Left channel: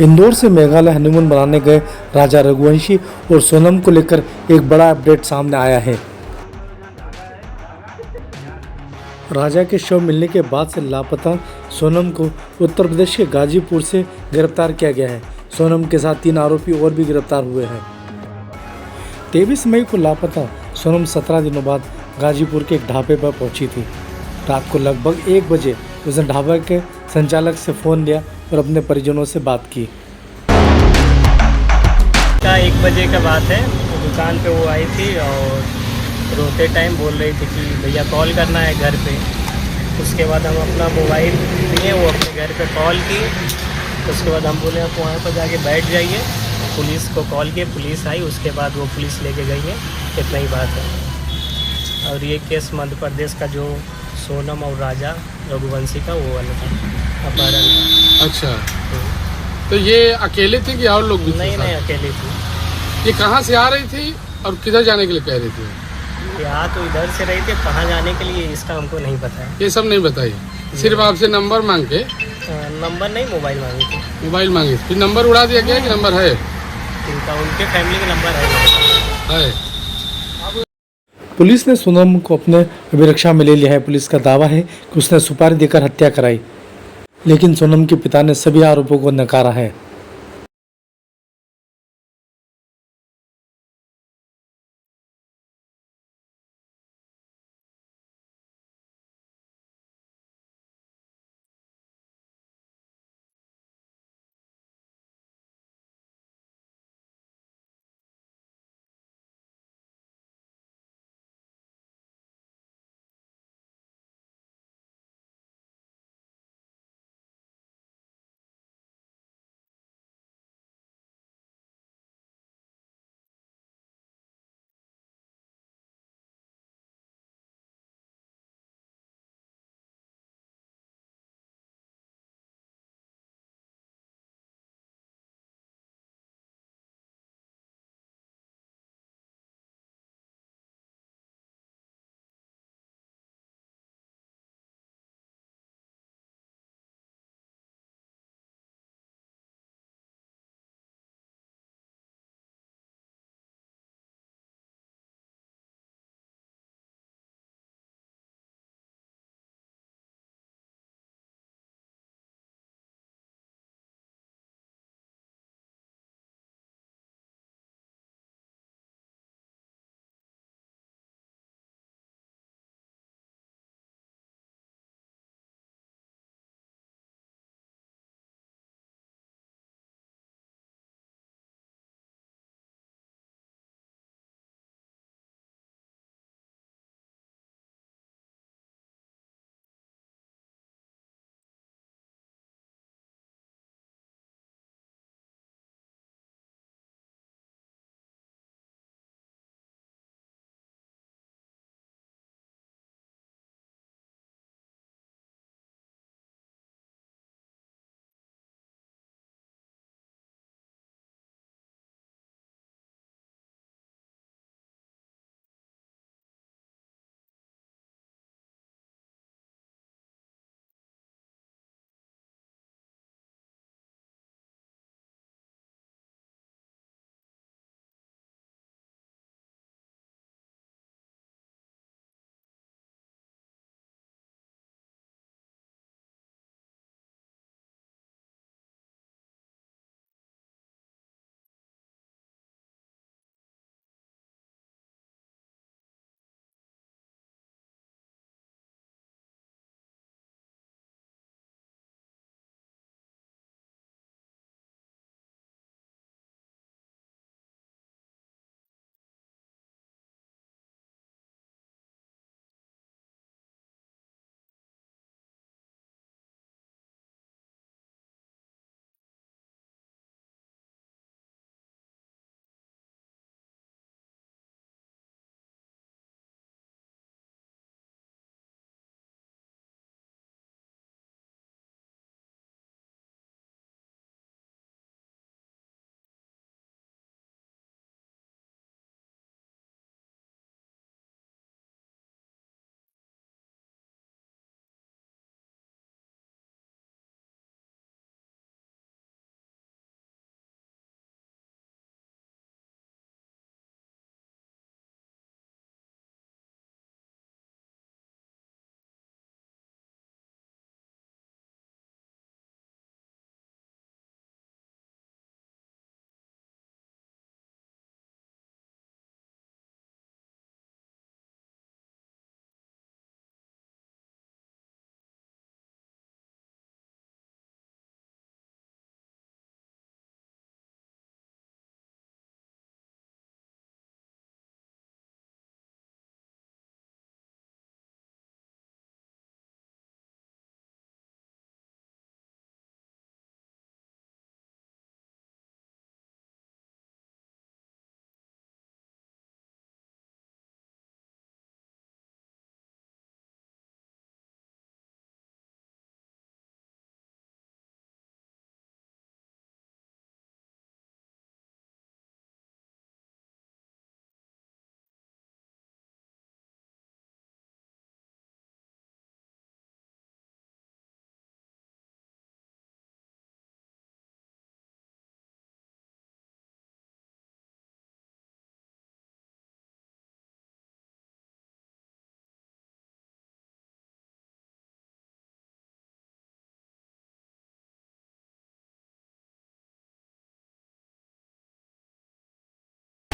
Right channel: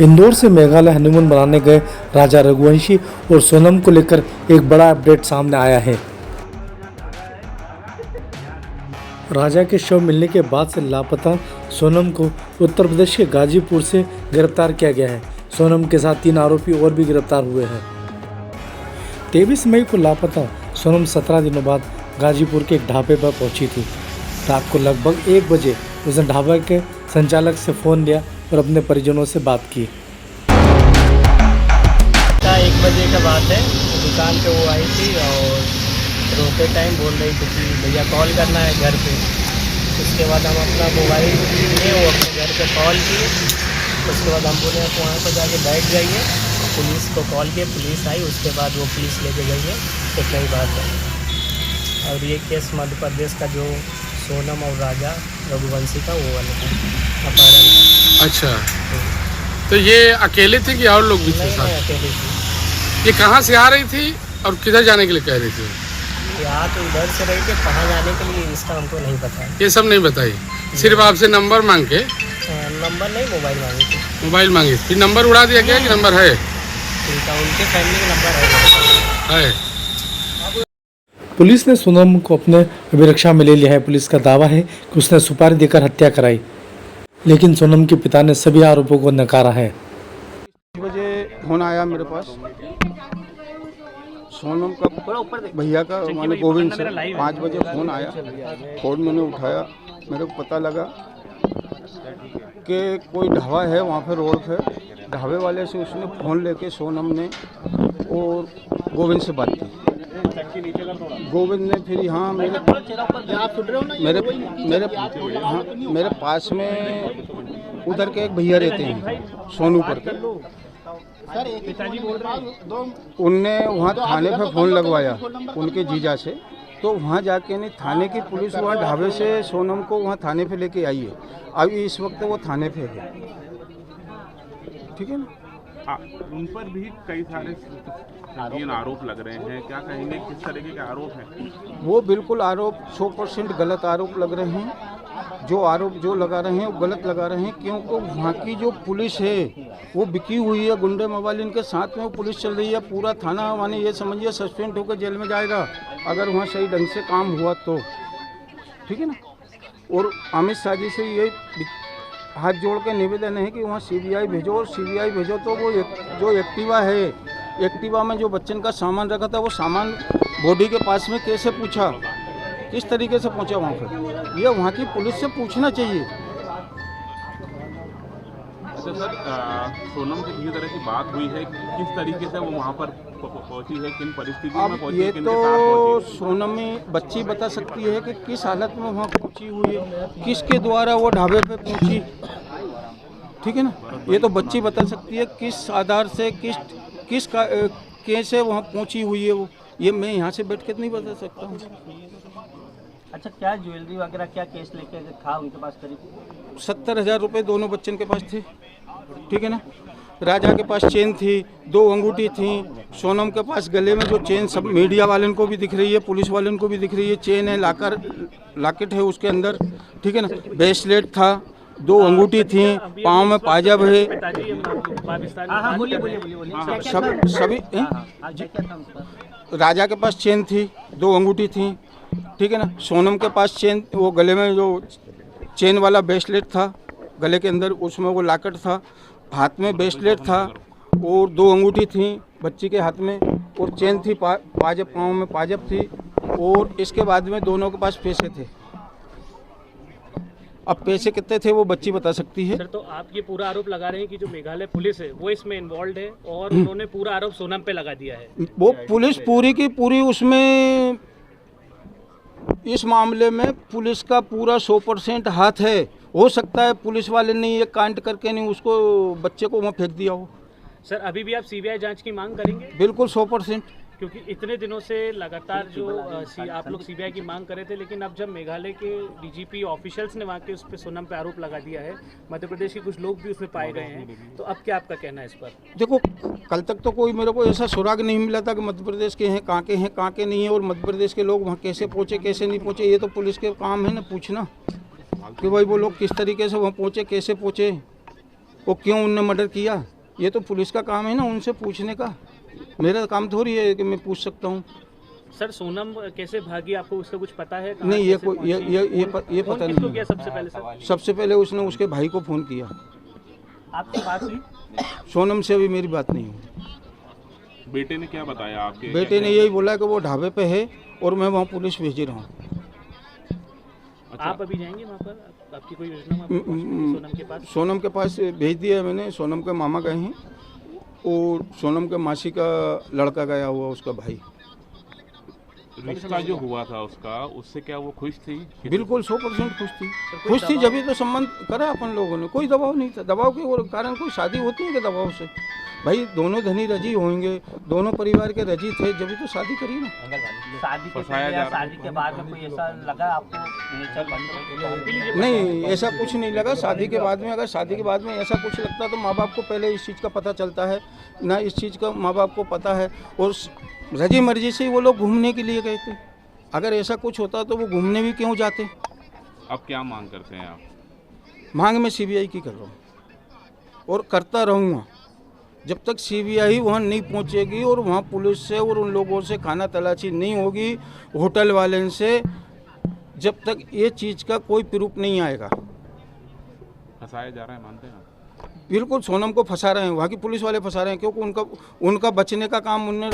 इंदौर से मेघालय हनीमून मनाने गए राजा रघुवंशी और सोनम को लेकर एक बड़ा अपडेट सामने आया है। राजा के शव मिलने के बाद से लापता सोनम को उत्तर प्रदेश के गाजीपुर से गिरफ्तार किया गया है। सोनम के साथ 3 आरोपी और भी गिरफ्तार हुए हैं। 23 मई को लापता सोनम 17 दिनों बाद गाजीपुर के एक ढाबे पर पहुंची थी। रात को लगभग 1 बजे उसने ढाबे के संचालक से फ़ोन लिया और अपने परिजनों से बात की। 1 बजे का बात है, दुकान पे वो आई थी और रोते टाइम बोल रही थी कि भैया कॉल करना है घर पे। उसके बाद हम अपना मोबाइल लिए, वो अपने घर पे कॉल की। उसके बाद हम बोले आप वहाँ पर जाके बैठ जाइए। पुलिस को कॉल किए, पुलिस आई। उसके बाद वो पुलिस लेके गई है। इतना ही बात है। और ये केस मध्य प्रदेश का जो सोनम और राजा रघुवंशी का वो वाला था, अपहरण था। अच्छा, तो ये अकेले थे कि और लोग भी थे? नहीं, अकेली थी। ये कहाँ से आ रही थी और किधर जाने के लिए कह रही थी? यहाँ तो इधर से रही थी, कहाँ जाने के लिए इसका हमको नहीं पता है। ये सब नहीं बताई, सिर्फ आपसे नंबर मांग के? नंबर नहीं, मोबाइल मांगी थी। मोबाइल मांगी, फिर नंबर उड़ा दिया गया कि नंबर है? उनके फैमिली का नंबर है। पुलिस ने सोनम को अपने अभिरक्षा में ले लिया है। पुलिस का दावा है कि उसने सुपारी देकर हत्या कराई, लेकिन सोनम के पिता ने सभी आरोपों को नकारा है। 6 बजे फोन आया मेरे पास सोनम का, भैया का, माने गोविंद से। 5 बजे फ़ोन आया, फ़ोन मैंने उठाया। मेरे को पता लगा कि कोई ढाबा है वहाँ पे, रोड पे। ढाबे वाले से उसने फ़ोन लेके सोनम ने और गोविंद से बात की। गोविंद ने फिर यहाँ मेरे पास में उधर के एक भैया रहते हैं, सोनू पर के। उनने वहाँ थाने पे फ़ोन लगवाया उनके जीजा से। तो वहाँ जाके नहीं, थाने की पुलिस वहाँ ढाबे से सोनम को वहाँ थाने पे लेके आई है। अभी इस वक्त वो थाने पे है, ठीक है ना। उन पर भी कई सारे आरोप लग रहे हैं, क्या कहेंगे, किस तरीके के आरोप हैं? वो बिल्कुल आरोप 100% गलत आरोप लग रहे हैं। जो आरोप जो लगा रहे हैं वो गलत लगा रहे हैं, क्योंकि वहाँ की जो पुलिस है वो बिकी हुई है। गुंडे मोबाइल इनके साथ में वो पुलिस चल रही है। पूरा थाना माने ये समझिए सस्पेंड होकर जेल में जाएगा अगर वहाँ सही ढंग से काम हुआ तो, ठीक है ना। और अमित शाह जी से ये हाथ जोड़ के निवेदन है कि वहाँ सीबीआई भेजो, और सीबीआई भेजो तो वो जो एक्टिवा है, एक्टिवा में जो बच्चन का सामान रखा था वो सामान बॉडी के पास में कैसे पूछा, किस तरीके से पहुंचा वहाँ पर, ये वहाँ की पुलिस से पूछना चाहिए। अच्छा सर, सोनम से किसी तरह की बात हुई है, किस तरीके से वो वहाँ पर पहुंची है, किन परिस्थितियों में पहुंची है? ये तो सोनम बच्ची बता सकती है कि किस हालत में वहाँ पहुंची हुई है, किसके द्वारा वो ढाबे पे पहुंची, ठीक है ना। ये तो बच्ची बता सकती है किस आधार से, कैसे वहाँ पहुंची हुई है वो। ये मैं यहाँ से बैठ के नहीं बता सकता हूँ। अच्छा, क्या ज्वेलरी वगैरह, क्या केस लेके था उनके पास? करीब 70,000 रुपये दोनों बच्चन के पास थे, ठीक है ना। राजा के पास चेन थी, 2 अंगूठी थी। सोनम के पास गले में जो चेन, सब मीडिया वालों को भी दिख रही है, पुलिस वालों को भी दिख रही है, चेन है, लॉकेट है उसके अंदर, ठीक है ना। ब्रेसलेट था, 2 अंगूठी थी, पाँव में पायजाब है, सभी। राजा के पास चेन थी, 2 अंगूठी थी, ठीक है ना। सोनम के पास चेन, वो गले में जो चेन वाला ब्रेसलेट था गले के अंदर, उसमें वो लॉकेट था। हाथ में ब्रेसलेट था और 2 अंगूठी थी बच्ची के हाथ में, और चेन थी, पायजाब, पाँव में पायजाब थी। और इसके बाद में दोनों के पास पैसे थे। अब पैसे कितने थे वो बच्ची बता सकती है। सर, तो आप ये पूरा आरोप लगा रहे हैं कि जो मेघालय पुलिस है वो इसमें इन्वॉल्व है और उन्होंने पूरा आरोप सोनम पे लगा दिया है। वो पुलिस पूरी की पूरी उसमें, इस मामले में पुलिस का पूरा 100% हाथ है। हो सकता है पुलिस वाले ने ये कांड करके नहीं उसको, बच्चे को वहाँ फेंक दिया हो। सर, अभी भी आप सीबीआई जांच की मांग करेंगे? बिल्कुल 100%। क्योंकि इतने दिनों से लगातार जो आप लोग सीबीआई की मांग कर रहे थे, लेकिन अब जब मेघालय के डीजीपी ऑफिशियल्स ने वहाँ के उस पर सोनम पे आरोप लगा दिया है, मध्य प्रदेश के कुछ लोग भी उसमें पाए गए हैं, तो अब क्या आपका कहना है इस पर? देखो, कल तक तो कोई मेरे को ऐसा सुराग नहीं मिला था कि मध्य प्रदेश के हैं, कहाँ के नहीं है, और मध्य प्रदेश के लोग वहाँ कैसे पहुँचे, कैसे नहीं पहुँचे। ये तो पुलिस के काम है ना पूछना कि भाई वो लोग किस तरीके से वहाँ पहुँचे, कैसे पहुँचे। वो क्यों उनने मर्डर किया, ये तो पुलिस का काम है ना उनसे पूछने का। मेरा काम थोड़ी है कि मैं पूछ सकता हूँ। सर सोनम कैसे भागी, आपको उसका कुछ पता है? नहीं, ये पता किसको नहीं किया है। सबसे पहले सर? सबसे पहले उसने उसके भाई को फ़ोन किया। आपकी बात हुई? सोनम से अभी मेरी बात नहीं हुई। बेटे ने क्या बताया आपके? बेटे ने यही बोला कि वो ढाबे पे है और मैं वहाँ पुलिस भेज रहा हूँ। आप अभी जाएंगे वहाँ पर? आपकी कोई योजना वहाँ पर सोनम के पास? सोनम के पास भेज दिया है मैंने। सोनम के मामा गए हैं और सोनम के मासी का लड़का गया हुआ, उसका भाई। रिश्ता जो हुआ था उसका, उससे क्या वो खुश थी? बिल्कुल 100% खुश थी। खुश थी जब तो संबंध करा अपन लोगों ने, कोई दबाव नहीं था। दबाव के कारण कोई शादी होती है कि दबाव से? भाई दोनों धनी रजी होंगे, दोनों परिवार के रजी थे, जब तो शादी करी ना। शादी के फंसाया पहले जा या रहा है। शादी के बाद में कोई ऐसा लगा आपको नेचर बंद? नहीं, ऐसा कुछ नहीं लगा। शादी के बाद में, अगर शादी के बाद में ऐसा कुछ लगता तो माँ बाप को पहले इस चीज़ का पता चलता है ना, इस चीज़ का माँ बाप को पता है। और रजी मर्जी से ही वो लोग घूमने के लिए गए थे। अगर ऐसा कुछ होता तो वो घूमने भी क्यों जाते? अब क्या मांग करते हैं आप? मांग में सीबीआई की कर रहा हूँ और करता रहूँगा जब तक सीबीआई वहाँ नहीं पहुँचेगी और वहाँ पुलिस से और उन लोगों से खाना तलाशी नहीं होगी, होटल वाले से, जब तक ये चीज़ का कोई प्रूफ नहीं आएगा। फंसाया जा रहा है, मानते हैं आप? बिल्कुल सोनम को फंसा रहे हैं, वहाँ की पुलिस वाले फंसा रहे हैं, क्योंकि उनका बचने का काम उनने